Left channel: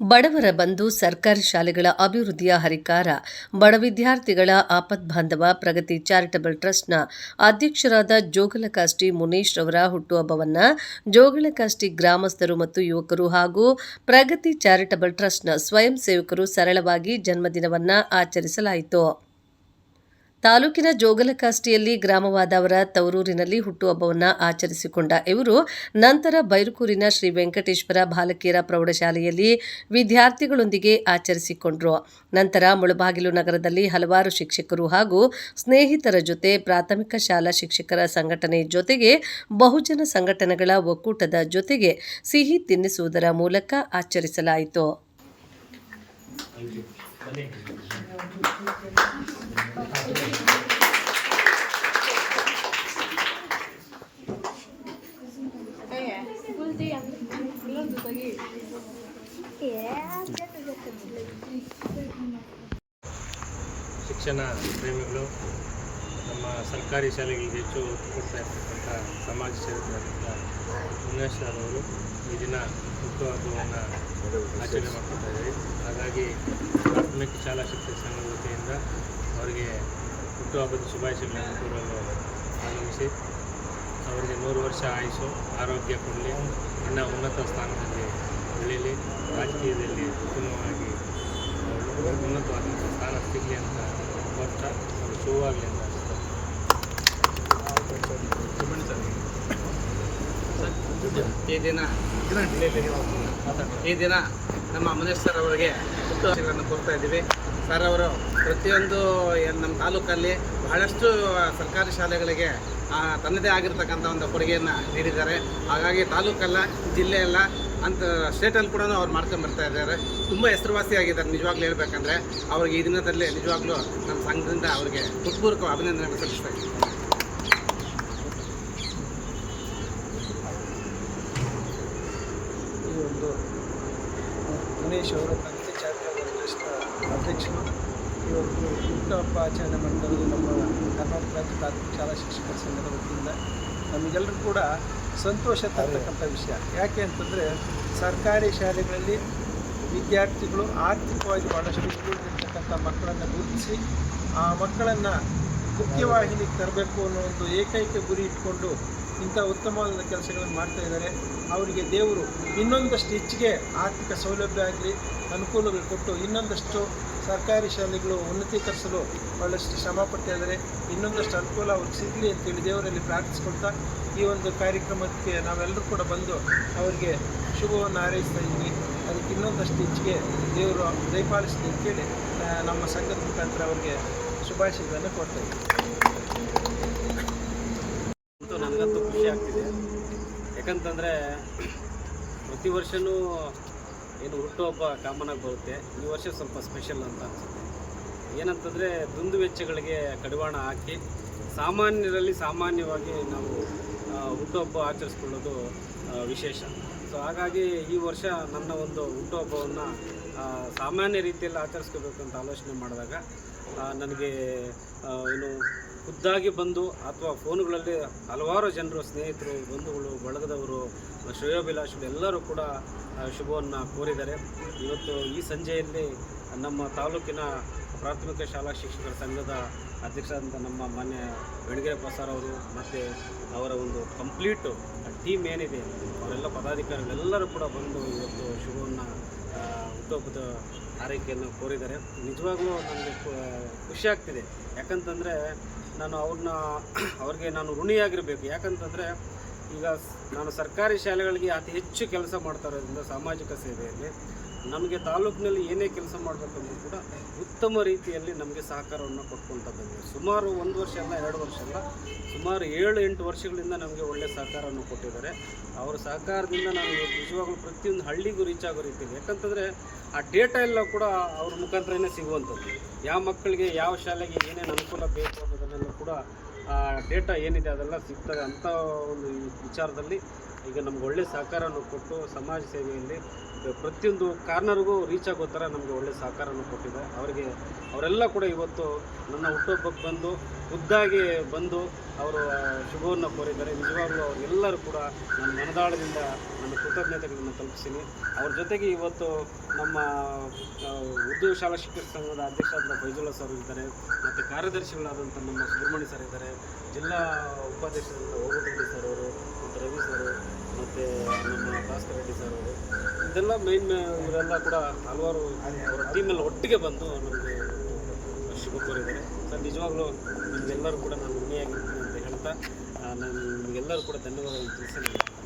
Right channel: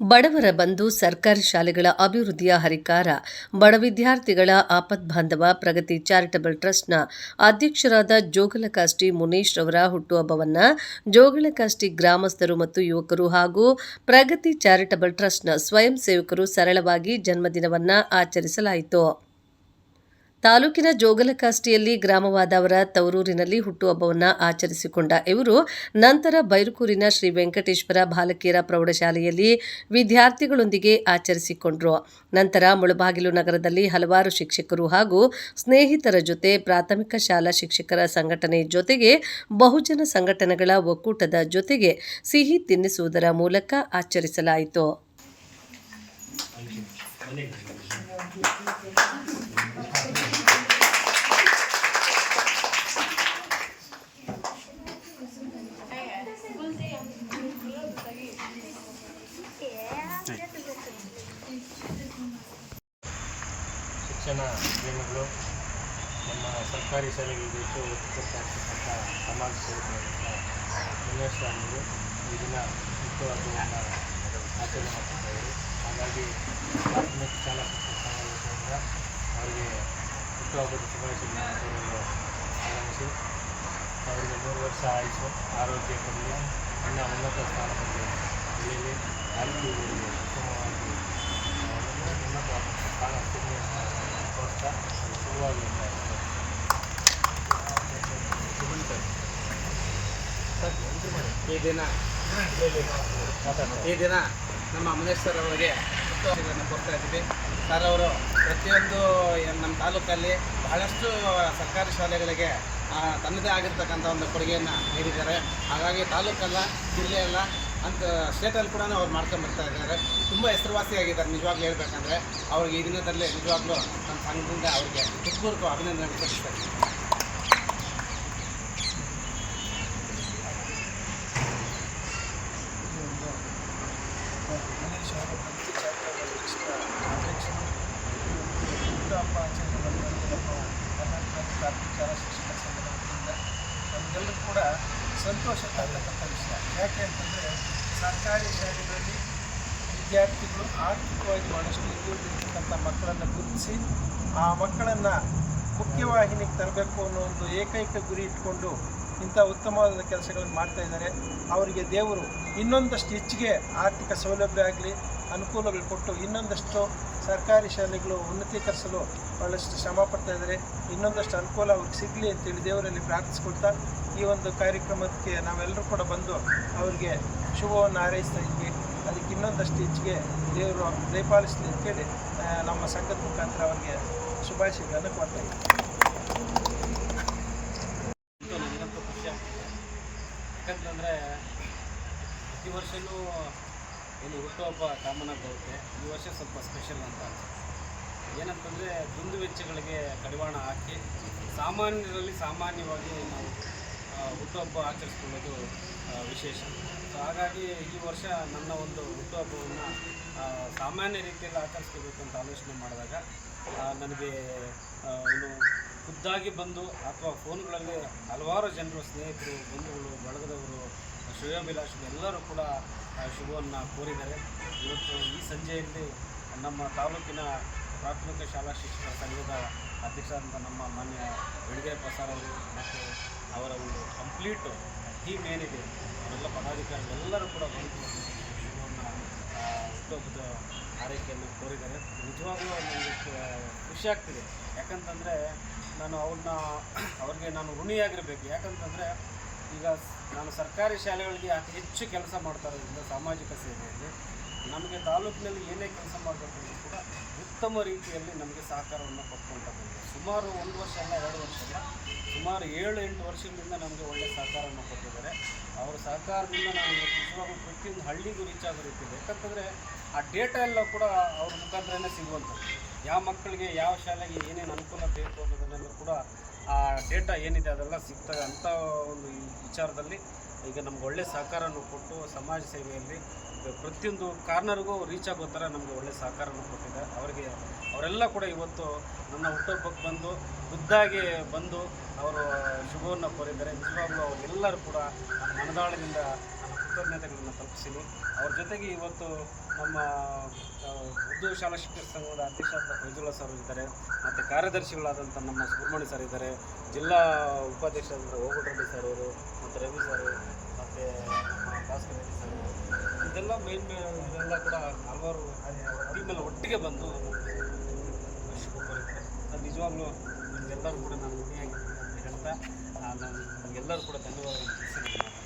ಬಡವರ ಬಂಧು ಸರ್ಕಾರಿ ಶಾಲೆಗಳ ಅಭಿವೃದ್ಧಿಯ ಹರಿಕಾರ, ಬಡ ವಿದ್ಯಾರ್ಥಿಗಳ ಆಪದ್ಬಾಂಧವ ಪ್ರಗತಿ ಚಾರಿಟಬಲ್ ಟ್ರಸ್ಟ್ನ ಅಧ್ಯಕ್ಷರಾದ ಜೋಗಲಕಾಷ್ಟಿ ಮುನೀಶ್ ರವರ ಹುಟ್ಟುಹಬ್ಬವನ್ನು ಜೋಗಲಕಾಷ್ಟಿ ಗ್ರಾಮಸ್ಥರು ಮತ್ತು ಯುವಕರು ಹಾಗೂ ಪ್ರಗತಿ ಚಾರಿಟಬಲ್ ಟ್ರಸ್ಟ್ನ ಸ್ವಯಂ ಸೇವಕರು ಸರಳವಾಗಿ ಜನ್ಮದಿನವನ್ನು ಆಚರಿಸಲಾಯಿತು. ತಾಲೂಕಿನ ಜೋಗಲಕಾಷ್ಟಿಯಲ್ಲಿ ಗ್ರಾಮವಾದವರ ತವರೂರಿನಲ್ಲಿ ಹುಟ್ಟುಹಬ್ಬವನ್ನು ಆಚರಿಸಿಕೊಂಡ ಇವರು, ನಂತರ ಬೈರುಕೂರಿನ ಶ್ರೀ ವೆಂಕಟೇಶ್ವರ ಬಾಲಕಿಯರ ಪ್ರೌಢಶಾಲೆಯಲ್ಲಿ ವಿದ್ಯಾರ್ಥಿಗಳೊಂದಿಗೆ ಆಚರಿಸಿಕೊಂಡರು. ನಂತರ ಮುಳಬಾಗಿಲು ನಗರದಲ್ಲಿ ಹಲವಾರು ಶಿಕ್ಷಕರು ಹಾಗೂ ಸ್ನೇಹಿತರ ಜೊತೆ ಪ್ರಾಥಮಿಕ ಶಾಲಾ ಶಿಕ್ಷಕರ ಸಂಘಟನೆ ಜೊತೆಗೆ ಬಹುಜನ ಸಂಘಟನೆಗಳ ಒಕ್ಕೂಟದ ಜೊತೆಗೆ ಸಿಹಿ ತಿನ್ನಿಸುವುದರ ಮೂಲಕ ಆಚರಿಸಲಾಯಿತು. ಶಿಕ್ಷಣ ಪ್ರೇಮಿಗಳು ನಮ್ಮ ಸರ್ಕಾರಿ ಶಾಲೆಗಳಿಗೆ ಹೆಚ್ಚು ಒತ್ತು ಕೊಡ್ತಾ ಇರ್ತಕ್ಕಂಥ ಸಮಾಜ ಸೇವಕರಾದಂಥ ಸರ್ ಅವರು ಈ ದಿನ ಹುಟ್ಟುಹಬ್ಬವನ್ನು ಆಚರಣೆ ಮಾಡ್ಕೊತಾ ಇದ್ದಾರೆ. ಹಾಗಾಗಿ ಪ್ರಾಥಮಿಕ ಶಾಲಾ ಶಿಕ್ಷಕ ಸಂಘದ ವತಿಯಿಂದ ಅವರಿಗೆ ಹುಟ್ಟುಹಬ್ಬದ ಶುಭಾಶಯಗಳನ್ನು ಕೋರಲು ಆಗಮಿಸಿ ಅವರಿಗೆ ನೂರು ವರ್ಷ ಆಯುಷು ಆರೋಗ್ಯ ಕೊಡಲಿ ಇನ್ನು ಉನ್ನತ ಸ್ಥಾನದಲ್ಲಿ ಬೆಳೀಲಿ ರಾಜಕೀಯದಲ್ಲಿ ಉತ್ತಮವಾಗಿ ಒಳ್ಳೆ ಉನ್ನತವಾದಂಥ ಸಾಲ ಸಿಗಲಿ ಅಂತ ಕೋರ್ತಾ ಅದು ಸುವಾಗಲಿ ಅಂತ ಈ ದಿನ ಈ ದಿನ ನಮ್ಮ ಮನೇಶ್ ಸರ್ ಅವರಿಗೆ ಹುಟ್ಟುಹಬ್ಬಗಳನ್ನು ಕೊಡ್ತಾ ಇದ್ದೀವಿ. ಸರ್ ಅವರು ಪ್ರತಿಯೊಂದು ನಮ್ಮ ತಾಲೂಕಲ್ಲಿ ಬಹಳಷ್ಟು ಸರ್ಕಾರಿ ಶಾಲೆಗಳಿಗೆ ತನ್ನದೇ ಆಗಿರ್ತಕ್ಕಂಥ ಒಂದು ಕೊಡುಗೆಯನ್ನು ನೀಡಿದ್ದಾರೆ. ಹಾಗಾಗಿ ತಾಲೂಕಲ್ಲ, ಜಿಲ್ಲೆಯಲ್ಲ ಅಂತ ಸ್ಟೇಟಲ್ಲಿ ಕೂಡ ಅವ್ರು ಮಾಡ್ಕೊಂಬರ್ತಾ ಇದ್ದಾರೆ. ತುಂಬ ಹೆಸರುವಾಸಿಯಾಗಿದ್ದಾರೆ, ನಿಜವಾಗ್ಲೂ ಹೇಳ್ಬೇಕಂದ್ರೆ. ಅವ್ರಿಗೆ ಈ ದಿನದಲ್ಲಿ ನಿಜವಾಗ್ಲೂ ನನ್ನ ಸಂಘದಿಂದ ಅವರಿಗೆ ಹೃತ್ಪೂರ್ವಕ ಅಭಿನಂದನೆ ಸಲ್ಲಿಸ್ತಾ ಇದ್ದೀನಿ. ಒಂದು ಗಣೇಶ್ ಅವರ ಪಂಚಾಯತ್ ಅಧ್ಯಕ್ಷರು. ಇವತ್ತು ಹುಟ್ಟುಹಬ್ಬ ಆಚರಣೆ ಮಾಡ್ತಾ ಇರೋದು ನಮ್ಮ ಕರ್ನಾಟಕ ರಾಜ್ಯ ಪ್ರಾಥಮಿಕ ಶಾಲಾ ಶಿಕ್ಷಕರ ಸಂಘದ ವತಿಯಿಂದ. ನಮಗೆಲ್ಲರೂ ಕೂಡ ಸಂತೋಷ ತರ್ತಕ್ಕಂಥ ವಿಷಯ. ಯಾಕೆ ಅಂತಂದರೆ ಸರ್ಕಾರಿ ಶಾಲೆಗಳಲ್ಲಿ ವಿದ್ಯಾರ್ಥಿಗಳು ಆರ್ಥಿಕವಾಗಿ ಭಾಳಷ್ಟು ಹಿಂದುಳಿದಿರ್ತಕ್ಕಂಥ ಮಕ್ಕಳನ್ನು ಗುರುತಿಸಿ, ಆ ಮಕ್ಕಳನ್ನು ಮುಖ್ಯವಾಹಿನಿಗೆ ತರಬೇಕು ಅನ್ನೋ ಒಂದು ಏಕೈಕ ಗುರಿ ಇಟ್ಕೊಂಡು ಇಂಥ ಉತ್ತಮವಾದ ಕೆಲಸಗಳನ್ನು ಮಾಡ್ತಾ ಇದ್ದಾರೆ. ಅವರಿಗೆ ದೇವರು ಇನ್ನೊಂದಷ್ಟು ಹೆಚ್ಚಿಗೆ ಆರ್ಥಿಕ ಸೌಲಭ್ಯ ಆಗಲಿ, ಅನುಕೂಲಗಳು ಕೊಟ್ಟು ಇನ್ನೊಂದಷ್ಟು ಸರ್ಕಾರಿ ಶಾಲೆಗಳು ಉನ್ನತೀಕರಿಸಲು ಭಾಳಷ್ಟು ಶ್ರಮ ಪಡ್ತಾ ಇದ್ದಾರೆ. ಇನ್ನೊಂದಷ್ಟು ಅನುಕೂಲ ಅವ್ರಿಗೆ ಸಿಗಲಿ ಅಂತೇಳಿ ದೇವರಲ್ಲಿ ಪ್ರಾರ್ಥಿಸ್ಕೊಳ್ತಾ ಈ ಒಂದು ಕಾರ್ಯಕ್ರಮಕ್ಕೆ ನಾವೆಲ್ಲರೂ ಕೂಡ ಬಂದು ಅವರಿಗೆ ಶುಭವನ್ನು ಹಾರೈಸ್ತಾ ಇದ್ವಿ. ಅದಕ್ಕೆ ಇನ್ನೊಂದಷ್ಟು ಹೆಚ್ಚಿಗೆ ದೇವರು ದಯಪಾಲಿಸಲಿ ಅಂತೇಳಿ ನಮ್ಮ ಸಂಘದ ಮುಖಾಂತರ ಅವರಿಗೆ ಶುಭಾಶಯಗಳನ್ನು ಕೊಡ್ತಾ ಇದ್ದೀವಿ ಅಂತೂ ನನಗಂತೂ ಖುಷಿ ಆಗ್ತಿದೆ. ಯಾಕಂತಂದರೆ ಪ್ರತಿ ವರ್ಷವೂ ಏನು ಹುಟ್ಟುಹಬ್ಬ ಕಾಮನ್ ಆಗಿ ಬರುತ್ತೆ. ಈ ವರ್ಷ ಸ್ವಲ್ಪ ಸ್ಪೆಷಲ್ ಅಂತ ಅನಿಸುತ್ತೆ. ಏನಂತಂದರೆ ದುಂದು ವೆಚ್ಚಗಳಿಗೆ ಕಡಿವಾಣ ಹಾಕಿ, ಸಾಮಾನ್ಯರಲ್ಲಿ ಸಾಮಾನ್ಯವಾಗಿ ನಾವು ಹುಟ್ಟುಹಬ್ಬ ಆಚರಿಸ್ಕೊಳ್ಳೋದು ವಿಶೇಷ. ಸೊ ಹಾಗಾಗಿ ಈ ವರ್ಷ ನನ್ನ ಒಂದು ಹುಟ್ಟುಹಬ್ಬವನ್ನು ಸಾಮಾನ್ಯ ರೀತಿಯಲ್ಲಿ ಆಚರಿಸ್ಕೋಬೇಕು ಅಂತ ಆಲೋಚನೆ ಮಾಡಿದಾಗ ನನಗೆ ಏನು ಖುದ್ದಾಗಿ ಬಂದು ಅಥವಾ ಫೋನ್ಗಳಲ್ಲಿ ಹಲವಾರು ಜನರು, ಸ್ನೇಹಿತರು, ಬಂಧುಗಳು, ಬಳಗದವರು, ಶ್ರೇಯೋಭಿಲಾಷಿಗಳು ಎಲ್ಲರೂ ಕೂಡ ಶುಭವನ್ನು ಕೋರಿದ್ದಾರೆ. ಇವತ್ತು ಈ ಸಂಜೆಯಲ್ಲಿ ನಮ್ಮ ತಾಲೂಕಿನ ಪ್ರಾಥಮಿಕ ಶಾಲಾ ಶಿಕ್ಷಕರ ಸಂಘದ ಅಧ್ಯಕ್ಷರಾದಂಥ ನಮ್ಮ ಮಾನ್ಯ ಬೆಳಗೆರೆ ಪ್ರಸಾರ್ ಅವರು ಮತ್ತು ಅವರ ಒಂದು ಕಂಪ್ಲೀಟು ಟೀಮ್ ಏನಿದೆ, ಅವರೆಲ್ಲ ಪದಾಧಿಕಾರಿಗಳೆಲ್ಲರೂ ಕೂಡ ಬಂದು ಇವತ್ತು ಶುಭವನ್ನು ಹುಟ್ಟುಹಬ್ಬದ ಆರೈಕೆಯನ್ನು ಕೋರಿದ್ದಾರೆ. ನಿಜವಾಗ್ಲೂ ನನಗೆ ಖುಷಿ ಆಗ್ತಿದೆ. ಯಾಕಂತಂದರೆ ನಾನು ಅವ್ರನ್ನ, ಅವ್ರಿಗೆ ನಾನು ಋಣಿಯಾಗಿರಬೇಕು. ಯಾಕಂತಂದರೆ ಈಗ ನಾನು ಸರ್ಕಾರಿ ಶಾಲೆಗಳಿಗೆ ಅತಿ ಹೆಚ್ಚು ಕೆಲಸ ಮಾಡ್ತಾ ಇರೋದ್ರಿಂದ ಸಾಮಾಜಿಕ ಸೇವೆಯಲ್ಲಿ ನಮಗೆ ತಾಲೂಕಿನಲ್ಲಿ ಏನೇ ಕೆಲಸ ಮಾಡಬೇಕಂದ್ರೂ ಕೂಡ ಉತ್ತಮ ರೀತಿಯಲ್ಲಿ ನಮಗೆ ಸಹಕಾರವನ್ನು ಕೊಟ್ಕೊಳ್ತಾ ಬಂದಿದೆ ಸುಮಾರು ಒಂದು ವರ್ಷ ಅಲ್ಲ, ಎರಡು ವರ್ಷ ಅಲ್ಲ, ಸುಮಾರು ಏಳು ಎಂಟು ವರ್ಷಗಳಿಂದ ನಮಗೆ ಒಳ್ಳೆಯ ಸಹಕಾರವನ್ನು ಕೊಟ್ಟಿದ್ದಾರೆ. ಅವರ ಸಹಕಾರದಿಂದ ನಾನು ಇವತ್ತು ನಿಜವಾಗ್ಲೂ ಪ್ರತಿಯೊಂದು ಹಳ್ಳಿಗೂ ರೀಚ್ ಆಗೋ ರೀತಿಯಲ್ಲಿ. ಯಾಕಂತಂದರೆ ಆ ಡೇಟಾ ಎಲ್ಲ ಕೂಡ ಅವ್ರ ಮುಖಾಂತರನೇ ಸಿಗುವಂಥದ್ದು. ಯಾವ ಮಕ್ಕಳಿಗೆ ಯಾವ ಶಾಲೆಗೆ ಏನೇನು ಅನುಕೂಲ ಬೇಕು ಅನ್ನೋದನ್ನೆಲ್ಲ ಕೂಡ ಆ ಡೇಟಾ ಏನಿದೆ ಅದೆಲ್ಲ ಸಿಗ್ತದೆ ಅಂಥ ಒಂದು ವಿಚಾರದಲ್ಲಿ ಈಗ ನಮ್ಗೆ ಒಳ್ಳೆಯ ಸಹಕಾರವನ್ನು ಕೊಟ್ಟು ಸಮಾಜ ಸೇವೆಯಲ್ಲಿ ಪ್ರತಿಯೊಂದು ಕಾರ್ನರ್ಗೂ ರೀಚ್ ಆಗೋ ಥರ ನಮಗೆ ಒಳ್ಳೆಯ ಸಹಕಾರವನ್ನು ಕೊಟ್ಟಿದೆ. ಅವರಿಗೆ, ಅವರೆಲ್ಲ ಕೂಡ ಇವತ್ತು ನನ್ನ ಹುಟ್ಟುಹಬ್ಬಕ್ಕೆ ಬಂದು ಖುದ್ದಾಗಿ ಬಂದು ಅವರು ಶುಭವನ್ನು ಕೋರಿದ್ದಾರೆ. ನಿಜವಾಗ್ಲೂ ಅವರೆಲ್ಲರೂ ಕೂಡ ನನ್ನ ಮನದಾಳದಿಂದ ನನ್ನ ಕೃತಜ್ಞತೆಗಳನ್ನು ತಲುಪಿಸ್ತೀನಿ. ಅವ್ರ ಜೊತೆಗೆ ಇವತ್ತು ನಮ್ಮ ಉರ್ದು ಶಾಲಾ ಶಿಕ್ಷಕ ಸಂಘದ ಅಧ್ಯಕ್ಷರಾದ ಫೈಜುಲ್ಲಾ ಸರ್ ಇದ್ದಾರೆ, ಮತ್ತು ಕಾರ್ಯದರ್ಶಿಗಳಾದಂಥ ನಮ್ಮ ಸುಬ್ರಹ್ಮಣ್ಯ ಸರ್ ಇದ್ದಾರೆ, ಜಿಲ್ಲಾ ಉಪಾಧ್ಯಕ್ಷರಾದಂಥ ಓಬಟ್ ರೆಡ್ಡಿ ಸರ್ ಅವರು, ಮತ್ತು ರವಿ ಸರ್, ಮತ್ತು ನಮ್ಮ ಭಾಸ್ಕರ್ ರೆಡ್ಡಿ ಸರ್ ಅವರು. ಇದೆಲ್ಲ ಮೇನ್ ಇವರೆಲ್ಲ ಕೂಡ ಹಲವಾರು ಅವರ ಟೀಮೆಲ್ಲ ಒಟ್ಟಿಗೆ ಬಂದು ನಮಗೆ ಶುಭ ಕೋರಿದ್ದಾರೆ. ಸರ್, ನಿಜವಾಗ್ಲೂ ನಿಮಗೆಲ್ಲರೂ ಕೂಡ ನಾನು ಋಣಿಯಾಗಿರ್ತೀನಿ ಅಂತ ಹೇಳ್ತಾ ನಾನು ನಿಮಗೆಲ್ಲರೂ ಕೂಡ ಧನ್ಯವಾದಗಳನ್ನು ತಿಳಿಸಿ ಮಾತನ್ನು